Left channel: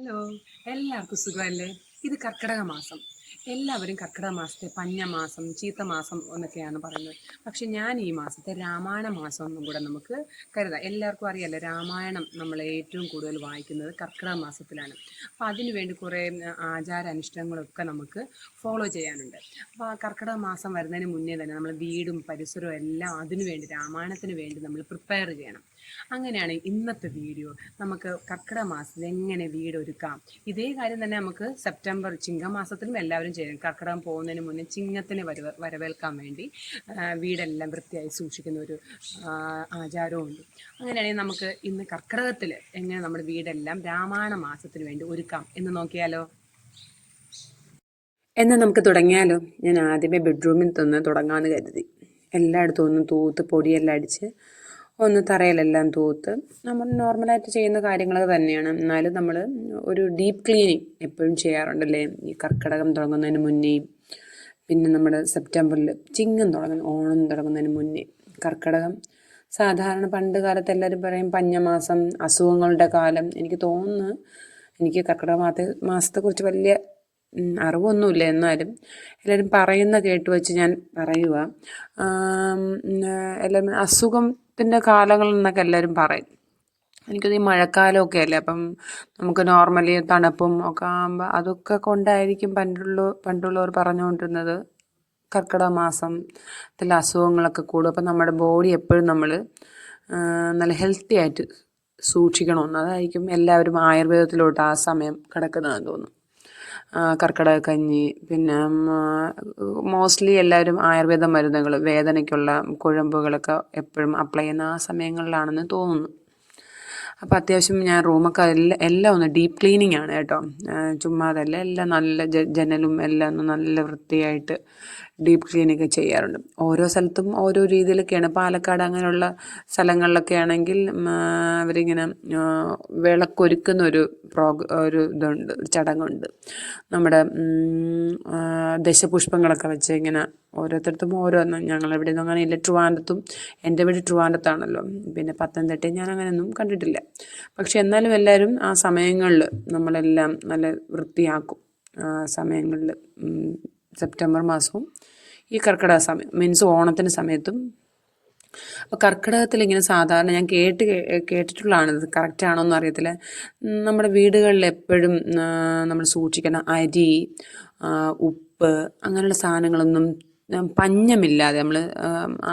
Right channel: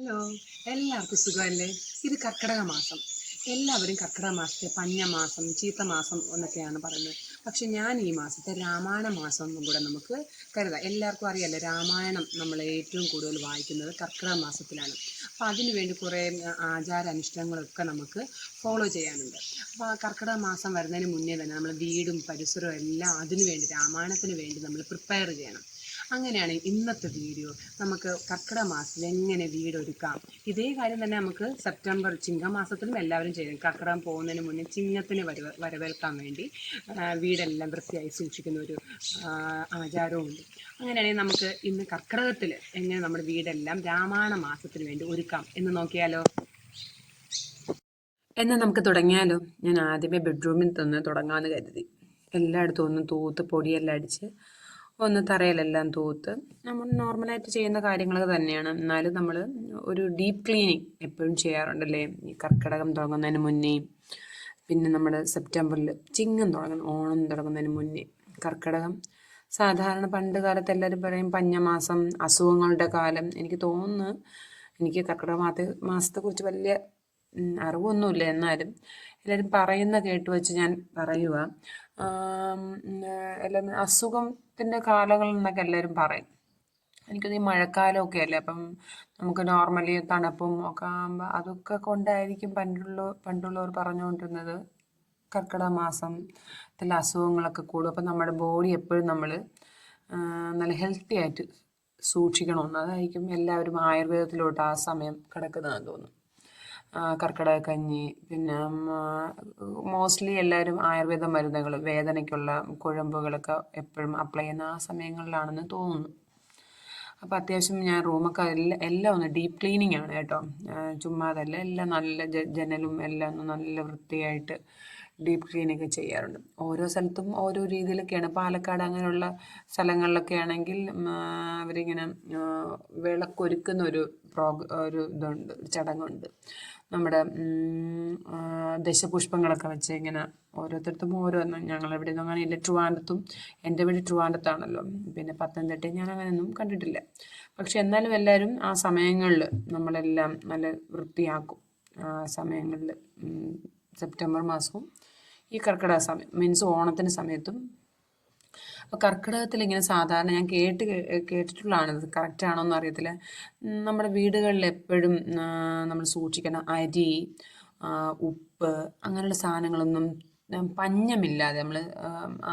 Hello, എല്ലാവർക്കും സുഖമല്ലേ? ഇത് കർക്കിടക മാസം. എല്ലാവരും കർക്കിടക മാസത്തെ പഞ്ഞമാസം, ചീത്തമാസം എന്നൊക്കെയാണ് പറയുന്നത്. പക്ഷെ ഞാൻ ഈ മാസത്തെ രാമായണ മാസം എന്നും കൂടെ നമുക്ക് കരുതാം. എല്ലാവർക്കും അറിയാലോ, രാമായണം നമ്മൾ ഏറ്റവും കൂടുതൽ വായിക്കുന്നത് കർക്കിടക മാസത്തിലാണ്. അപ്പോൾ അതിനു വേണ്ടി കുറേ ആചാരാനുഷ്ഠാനങ്ങളൊക്കെ നമുക്ക് ഫോളോ ചെയ്യാനുണ്ട്. അപ്പോൾ ആ കർക്കിടക മാസം വരുന്നതിന് മുന്നേ തന്നെ നമ്മൾ വീടും പരിസരവും എല്ലാം അതിനു വേണ്ടി, രാമായണത്തിന് വേണ്ടി നമ്മൾ പ്രിപ്പയർ ചെയ്യണം. അങ്ങനെയാണ് ഇന്നത്തെ വീഡിയോ. നമുക്ക് കർക്കിടക മാസത്തിൽ എങ്ങനെ വീടൊരുക്കാം, ഇതേ കാര്യം തന്നെ നമുക്ക് സെപ്റ്റംബർ ചിങ്ങമാസത്തിലും എല്ലാവരും ചെയ്യും. കർക്കിടകം പോകുന്നതിന് മുന്നേ ചിങ്ങത്തിന് വരവേൽക്കാൻ വേണ്ടി വീടെല്ലാം വൃത്തിയായി സൂക്ഷിക്കുന്ന ഒരു ആചാരമുണ്ട്. അങ്ങനെയാണെങ്കിൽ നമുക്ക് ഇന്ന് കർക്കിടകത്തിൽ എങ്ങനെ നമ്മുടെ വീടെല്ലാം രാമായണ മാസത്തിന് വേണ്ടി ഒരുക്കാം എന്ന് നോക്കിയാലോ. എന്നാൽ നമുക്ക് തുടങ്ങിയാലോ. ഞാൻ ആദ്യമേ ബെഡ്റൂമിൽ നിന്ന് തുടങ്ങാമെന്ന് കരുതി. എല്ലായിടത്തും ഒന്ന് തൂത്ത് പൊടിയെല്ലാം അടിച്ച് ഒന്ന് തറയിലെല്ലാം തൂത്ത് നമ്മൾ നോർമലായിട്ട് ചെയ്യുന്ന കാര്യങ്ങൾ തന്നെയാണ്. എന്നാലും നമ്മൾ ഒരു ഡീപ്പ് ക്ലീനിങ് എപ്പോഴും ചെയ്യാറുണ്ടല്ലേ, ഈ കർക്കിടകം തുടങ്ങുന്നതിന് മുന്നേയും പിന്നെ നമ്മുടെ സെപ്റ്റംബറിൽ ചിങ്ങം തുടങ്ങുന്ന ഓണം തുടങ്ങുന്നതിന് മുന്നേ. കർക്കിടകം സാധാരണ പണ്ട് കാലത്ത് എല്ലാവരും പറയും പഞ്ഞമാസം, അസുഖങ്ങളുടെ കാലം. എനിക്ക് തോന്നുന്നു, എനിക്ക് കർക്കിടക മാസത്തെക്കുറിച്ച് വലിയ അറിവൊന്നുമില്ല, എന്നാലും എല്ലാവരും പറയുന്ന കേട്ട് വെച്ച് ഞാൻ പറയുക. എല്ലാവരും അസുഖത്തിൻ്റെ കാലങ്ങൾ എന്നൊക്കെ എല്ലാവരും പറയും. എനിക്കത് ഈ മഴക്കാലമൊക്കെ അല്ലേ, അപ്പം നമുക്ക് നോർമലി തണുപ്പും ഒക്കെ ആകുമ്പോൾ അതൊക്കെ കൊണ്ടായിരിക്കും പണ്ടുള്ളവർ പറഞ്ഞുകൊണ്ടിരുന്നത് കർക്കിടക മാസത്തിൽ അസുഖങ്ങളൊക്കെ കൂടും. അപ്പം നമ്മുടെ ബോഡി എപ്പോഴും നമ്മൾ നല്ല ഹെൽത്തി ആയിട്ട് സൂക്ഷിക്കണമെന്ന്, അതായിരിക്കും എല്ലാവരും ആയുർവേദത്തിലോട്ട് ആ സമയം കിടക്കുന്നതെന്ന് തോന്നുന്നു. കർക്കിടക കഞ്ഞി, പിന്നെ മോസ്റ്റ്ലി എല്ലാവരും ആയുർവേദ മരുന്നുകൾ, വേദനയ്ക്കുള്ള കുഴമ്പുകളൊക്കെ എപ്പോഴും അപ്ലൈ ചെയ്യുന്ന ആ സമയങ്ങളിലാണെന്ന് തോന്നുന്നു. അപ്പോൾ അത്യാവശ്യം ഞാൻ റൂമൊക്കെ എല്ലാം ഒന്ന് ഡീപ്പ് ക്ലീനിങ് ആണ് കേട്ടോ. ചുമ്മാതല്ല, എല്ലാം നല്ല ജനലും എല്ലാം ഒന്ന് നല്ല വൃത്തിയായിട്ട് ഡീപ്പ് ക്ലീനിങ് ചെയ്യാറുണ്ട്. ഓരോ സ്ഥലത്തും ഓരോ രീതിയിലൊക്കെയാണ്. പാലക്കാട് അങ്ങനെയുള്ള സ്ഥലങ്ങളിലൊക്കെ ആണെങ്കിൽ അവരിങ്ങനെ വിളക്കൊരുക്കുന്ന ഒരു ഇതുണ്ട്, ഒരു ചടങ്ങുണ്ട്. നമ്മുടെ ദശപുഷ്പങ്ങളൊക്കെ വെച്ച് ഇങ്ങനെ ഓരോരുത്തർക്കും ഓരോന്ന്. ഞങ്ങളിവിടെ നിന്നും അങ്ങനെ ഇല്ല. ട്രിവാൻഡ്രത്തും, എൻ്റെ വീട് ട്രിവാൻഡ്രത്താണല്ലോ, പിന്നെ പത്തനംതിട്ടയും ഞാൻ അങ്ങനെയൊന്നും കണ്ടിട്ടില്ല. പക്ഷെ എന്നാലും എല്ലാവരും ആ സമയങ്ങളിൽ നമ്മളെല്ലാം നല്ല വൃത്തിയാക്കും. സമയങ്ങളിൽ സെപ്റ്റംബർ മാസവും ഈ കർക്കിടക സമയം മീൻസ് ഓണത്തിൻ്റെ സമയത്തും. അപ്പോൾ കർക്കിടകത്തിൽ ഇങ്ങനെ സാധാരണ ഞാൻ കേട്ടിട്ടുള്ളതാണ്, ഇത് കറക്റ്റ് ആണോ എന്ന് അറിയത്തില്ല. നമ്മുടെ വീടുകളിൽ എപ്പോഴും നമ്മൾ സൂക്ഷിക്കണം അരി, ഉപ്പ്, അങ്ങനെയുള്ള സാധനങ്ങളൊന്നും പഞ്ഞമില്ലാതെ നമ്മൾ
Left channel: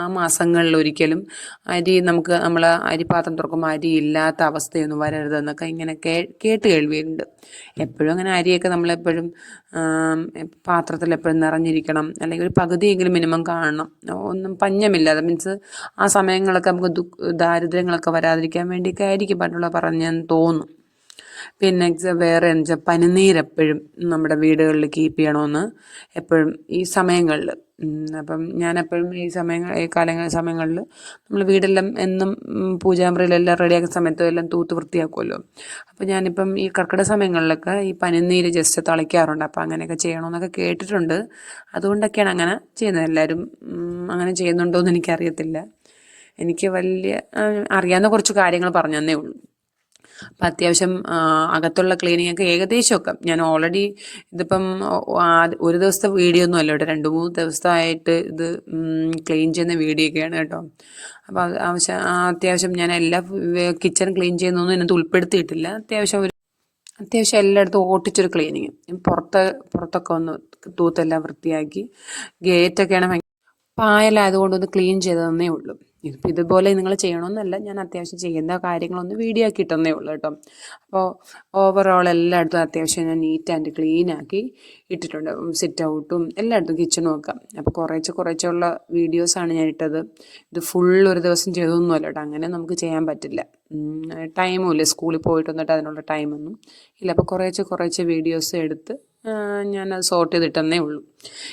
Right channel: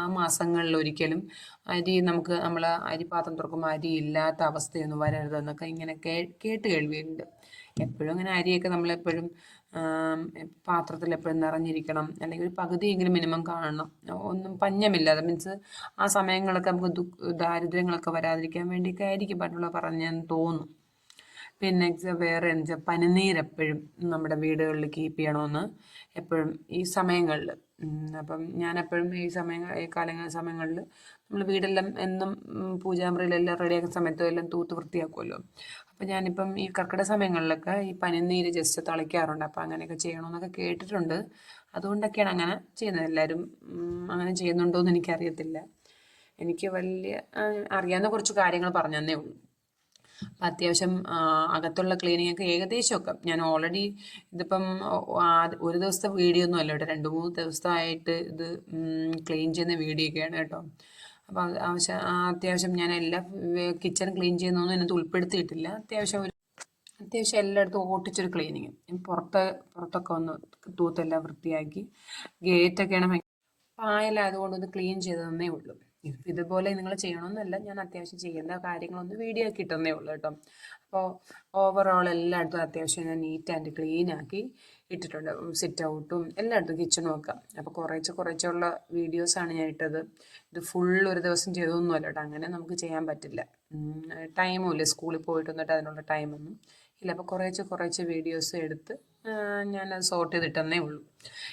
ആ മാസങ്ങളിൽ ഒരിക്കലും നമ്മൾ അരിപ്പാത്രം തുറക്കുമ്പോൾ അരി ഇല്ലാത്ത അവസ്ഥയൊന്നും വരരുതെന്നൊക്കെ ഇങ്ങനെ കേട്ട് കേൾവിയുണ്ട്. എപ്പോഴും അങ്ങനെ അരിയൊക്കെ നമ്മളെപ്പോഴും പാത്രത്തിൽ എപ്പോഴും നിറഞ്ഞിരിക്കണം, അല്ലെങ്കിൽ ഒരു പകുതിയെങ്കിലും മിനിമം കാണണം. ഒന്നും പഞ്ഞമില്ലാതെ മീൻസ് ആ സമയങ്ങളൊക്കെ നമുക്ക് ദാരിദ്ര്യങ്ങളൊക്കെ വരാതിരിക്കാൻ വേണ്ടിയൊക്കെ ആയിരിക്കും പണ്ടുള്ള പറഞ്ഞെന്ന് തോന്നുന്നു. പിന്നെ വേറെ എന്ന് വെച്ചാൽ പനിനീരെപ്പോഴും നമ്മുടെ വീടുകളിൽ കീപ്പ് ചെയ്യണമെന്ന് എപ്പോഴും ഈ സമയങ്ങളിൽ. അപ്പം ഞാനെപ്പോഴും ഈ സമയങ്ങളിൽ നമ്മൾ വീടെല്ലാം എന്നും പൂജാമുറിയിലെല്ലാം റെഡിയാക്കുന്ന സമയത്ത് എല്ലാം തൂത്ത് വൃത്തിയാക്കുമല്ലോ. അപ്പോൾ ഞാനിപ്പം ഈ കർക്കിടക സമയങ്ങളിലൊക്കെ ഈ പനിനീര് ജസ്റ്റ് തളിക്കാറുണ്ട്. അപ്പോൾ അങ്ങനെയൊക്കെ ചെയ്യണമെന്നൊക്കെ കേട്ടിട്ടുണ്ട്. അതുകൊണ്ടൊക്കെയാണ് അങ്ങനെ ചെയ്യുന്നത്. എല്ലാവരും അങ്ങനെ ചെയ്യുന്നുണ്ടോ എന്ന് എനിക്കറിയത്തില്ല. എനിക്ക് വലിയ അറിയാവുന്ന കുറച്ച് കാര്യങ്ങൾ പറഞ്ഞു തന്നേ ഉള്ളൂ. അപ്പം അത്യാവശ്യം അകത്തുള്ള ക്ലീനിങ് ഒക്കെ ഏകദേശമൊക്കെ ഞാൻ ഓൾറെഡി ഇതിപ്പം ഒരു ദിവസത്തെ വീഡിയോ ഒന്നും അല്ല കേട്ടോ, 2-3 ദിവസമായിട്ട് ഇത് ക്ലീൻ ചെയ്യുന്ന വീഡിയോ ഒക്കെയാണ് കേട്ടോ. അപ്പോൾ അത്യാവശ്യം ഞാൻ എല്ലാ കിച്ചൺ ക്ലീൻ ചെയ്യുന്നൊന്നും ഇതിനകത്ത് ഉൾപ്പെടുത്തിയിട്ടില്ല. അത്യാവശ്യം എല്ലായിടത്തും ഓട്ടിച്ചൊരു ക്ലീനിങ്. പുറത്തൊക്കെ ഒന്ന് തൂത്തെല്ലാം വൃത്തിയാക്കി, ഗേറ്റൊക്കെയാണ് പായലായതുകൊണ്ടൊന്ന് ക്ലീൻ ചെയ്തതെന്നേ ഉള്ളൂ. ഇതിപ്പോൾ ഇതുപോലെ നിങ്ങൾ ചെയ്യണമെന്നല്ല, ഞാൻ അത്യാവശ്യം ചെയ്യുന്ന കാര്യങ്ങളൊന്ന് വീഡിയോ ആക്കി ഇട്ടെന്നേ ഉള്ളൂ കേട്ടോ. അപ്പോൾ ഓവറോൾ എല്ലായിടത്തും അത്യാവശ്യം ഞാൻ നീറ്റ് ആൻഡ് ക്ലീൻ ആക്കി ഇട്ടിട്ടുണ്ട്. സിറ്റ് ഔട്ടും എല്ലായിടത്തും കിച്ചണും ഒക്കെ. അപ്പോൾ കുറേച്ചുള്ള വീഡിയോസാണ് ഞാൻ ഇട്ടത്. ഇത് ഫുൾ ഒരു ദിവസം ചെയ്തൊന്നുമല്ല കേട്ടോ, അങ്ങനെ നമുക്ക് ചെയ്യാൻ പറ്റില്ല. ടൈമും ഇല്ല, സ്കൂളിൽ പോയിട്ട് വന്നിട്ട് അതിനുള്ള ടൈമൊന്നും ഇല്ല. അപ്പോൾ കുറേച്ച് വീഡിയോസ് എടുത്ത് ഞാനത് സോർട്ട് ചെയ്തിട്ടെന്നേ ഉള്ളൂ.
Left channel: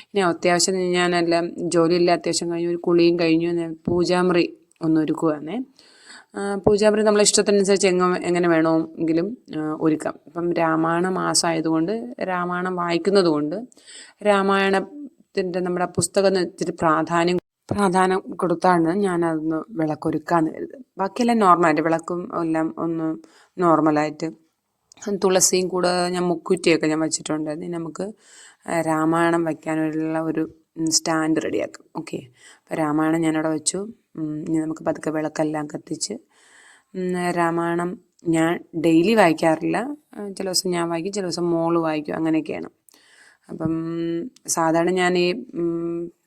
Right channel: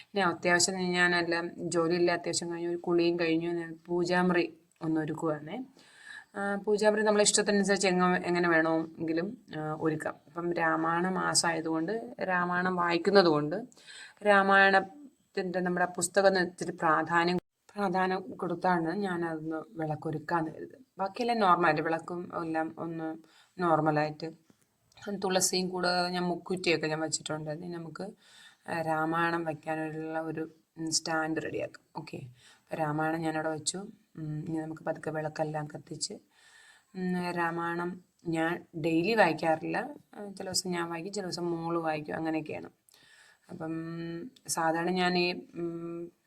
ഇനി അത്യാവശ്യം ഞാനെല്ലാം ജോലിയെല്ലാം അത്യാവശ്യം കഴിഞ്ഞു, ഒരു കുളിയും കഴിഞ്ഞു. ഞാൻ പൂജാമുറി ഒന്ന് ഒരുക്കുവാണേ. പൂജാമുറി നമ്മളെ ഇഷ്ടത്തിനനുസരിച്ച് എങ്ങനെ വേണമെങ്കിലും ഒരുക്കാം. ഇപ്പം രാമായണ മാസമായതുകൊണ്ട്, രാമായണം വായിക്കുന്നത് കൊണ്ട് രാമായണത്തിൻ്റെ നമ്മുടെ പുസ്തകം ഇത്തിരി പ്രാധാന്യം കൊടുത്താണ് ഞാനതൊന്ന് വിളക്കൊരുക്കാമെന്ന് കരുതുന്നത്. ബാക്കിയെല്ലാം നോർമലായിട്ട് വിളക്കും എല്ലാം ഒന്ന് നോർമലായിട്ട് തുളസിയും കൂടെ ഞാൻ മുക്കുറ്റിയൊക്കെ ഞാൻ വെച്ചിട്ടുണ്ട്. ഇനി നമുക്ക് രാമായണം വയ്ക്കാനുള്ള ഒരു സ്റ്റാൻഡ് റെഡിയാക്കും. ഓക്കെ, അപ്പോൾ രാമായണം ഞാനവിടെ വെച്ചു. ഇനി നമുക്ക് പതുക്കെ വിളക്കെല്ലാം കത്തിച്ച് രാമായണം ഞാൻ ഡെയിലി വായിക്കാറില്ല. ചില ദിവസം ഞാൻ വായിക്കും, ചില ദിവസം മോള് വായിക്കും, അങ്ങനെയൊക്കെയാണ്. അപ്പം സാധാരണ ഞാൻ ഈ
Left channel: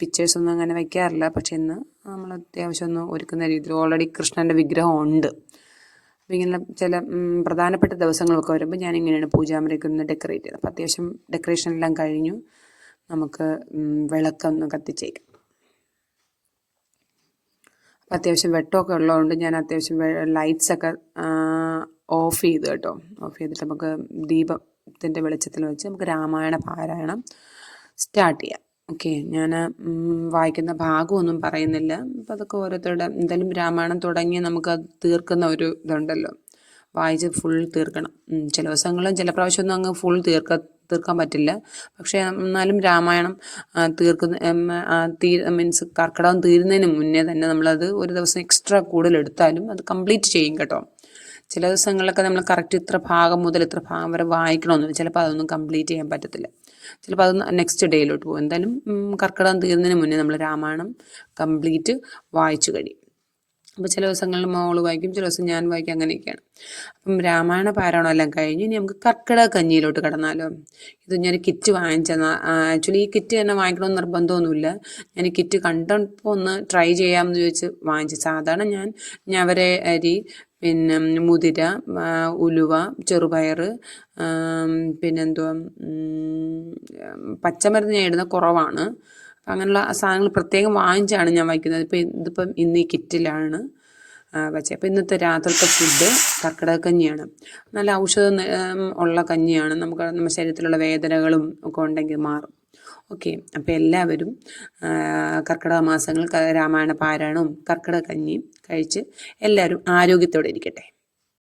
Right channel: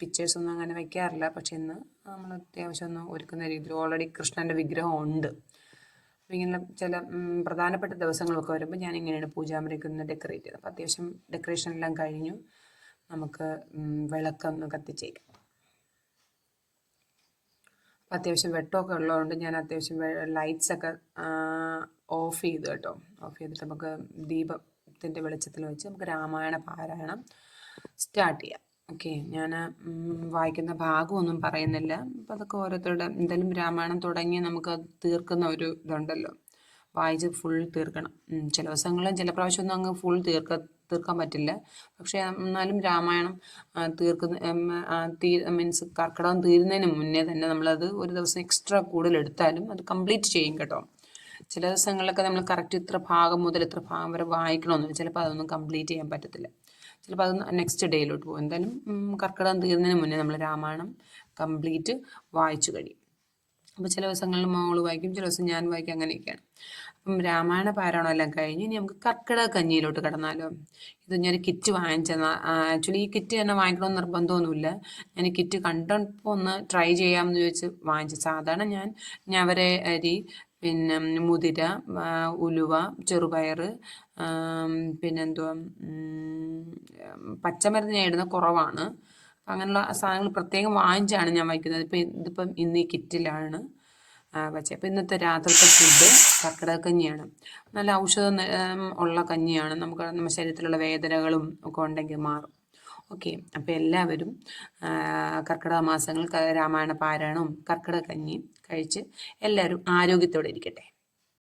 പിക്ചേഴ്സൊന്നും അങ്ങനെ വയ്ക്കാറില്ല. പക്ഷെ ഇന്ന് നമ്മൾ അത്യാവശ്യം ഒന്ന് ഒരുക്കുന്ന രീതിയിൽ ഓൾറെഡി കൃഷ്ണൻ്റെ വിഗ്രഹം ഉണ്ട്. അപ്പോൾ ഇങ്ങനെ ചില പ്രധാനപ്പെട്ട ദിവസങ്ങളൊക്കെ വരുമ്പോൾ ഞാനിങ്ങനെയാണ് പൂജാമുറിയൊക്കെ ഒന്ന് ഡെക്കറേറ്റ് ചെയ്തത്. അപ്പോൾ അത്യാവശ്യം ഡെക്കറേഷൻ എല്ലാം കഴിഞ്ഞു. നമുക്ക് വിളക്കൊന്ന് കത്തിച്ചേക്കാം. അപ്പോൾ അത്യാവശ്യം വെട്ടമൊക്കെ ഉള്ളതുകൊണ്ട് ഞാൻ അത്യാവശ്യം ലൈറ്റ്സൊക്കെ ഓഫ് ചെയ്തു കേട്ടോ. ഓഫ് ചെയ്തിട്ട് നമുക്ക് ദീപത്തിൻ്റെ വെളിച്ചത്തിൽ വെച്ച് നമുക്ക് രാമായണ പാരായണം സ്റ്റാർട്ട് ചെയ്യാം. ഓക്കെ, ഞാൻ വായിക്കുന്ന ഭാഗമൊന്നും പറയുന്നില്ല. അപ്പോൾ അതൊക്കെ ഓരോരുത്തരുടെ എന്തായാലും രാമായണം തുടങ്ങി നമുക്കത് തീർക്കുന്ന ഒരു ഇതുണ്ടല്ലോ, വായിച്ച് ഫുൾ തീർക്കണം. ചില ദിവസങ്ങളും ചില പ്രാവശ്യമൊന്നും അങ്ങ് ഫുൾ തീർക്കാൻ പറ്റില്ല. പക്ഷേ എന്നാലും രാമായണം മീൻസ് കർക്കിടകം തീരുന്നതിന് മുന്നേ തന്നെ നമ്മളത് ഒരു ദിവസം എക്സ്ട്രാ കൂടുതൽ എടുത്താലും അത് കംപ്ലീറ്റ് ചെയ്യും കേട്ടോ. ചില ദിവസങ്ങളിലൊക്കെ നമ്മൾ കറക്റ്റ് ഇത്ര ഭാഗം മുതൽ ഇത്ര ഭാഗം വരെ വായിക്കണമെന്നില്ല. ചിലപ്പോൾ അതൊന്നും കംപ്ലീറ്റ് ചെയ്യാൻ പറ്റത്തില്ല. ചിലപ്പോൾ അത് നെക്സ്റ്റ് ഡേയിലോട്ട് പോകും. എന്തായാലും കർക്കിടകം തീരുന്നതിന് മുന്നേ നമ്മൾ രാമായണം കംപ്ലീറ്റ് വായിച്ചു കഴിയും. അപ്പോൾ ചില ദിവസങ്ങളിൽ മോള് വായിക്കും, ചില ദിവസം ഞാൻ വായിക്കും, അങ്ങനെയൊക്കെയാണ്. അപ്പം രാമായണ പാരായണം എല്ലാം കഴിഞ്ഞ് ഇനി നമുക്ക് കർക്കിടക കഞ്ഞിയിലോട്ട് കടന്നാലോ. ഇത് ഞാൻ കിറ്റ് വാങ്ങിച്ചതാണ്. ആക്ച്വലി ഈ കിറ്റ് തന്നെ വാങ്ങിക്കണമെന്ന് നിർബന്ധമൊന്നുമില്ല. ഞാൻ ഈ കിറ്റ് കണ്ടപ്പോൾ ഒന്ന് ട്രൈ ചെയ്യാമെന്ന് ചോദിച്ച് വാങ്ങിച്ചു. സാധാരണ ഞാൻ ഞവര അരി, പിന്നെ മുതിര, ഉലുവ, ചെറുപയർ, പിന്നെന്തുവാ പച്ചമരുന്ന് ഞാൻ ഇടുന്ന കുറവാണ്. അങ്ങനെയുള്ള സാധനങ്ങൾ പ്രത്യേകം വാങ്ങിച്ചാണ് ഞാൻ വയ്ക്കുന്നത്. ഇതിപ്പം ഇന്ന് ഈ കിറ്റിലാണ് വെച്ചത്. അപ്പോൾ ഇന്നത്തെ രാത്രിത്തെ ഫുഡ് കർക്കിടക കഞ്ഞിയാണ്. നല്ല ഔഷധം ഉള്ള കഞ്ഞിയാണ്. നമുക്ക് നമ്മുടെ ശരീരത്തിലുള്ള വേദനകളും ഒക്കെ ഉണ്ടെങ്കിൽ മാറും. ഓക്കെ, അപ്പോൾ എല്ലാവരും കർക്കിടക മാസങ്ങളിൽ രാമായണ പാരായണവും കർക്കിടക കഞ്ഞിയും കഴിച്ച് എല്ലാവരും ആരോഗ്യത്തോടെ ഇരിക്കട്ടെ.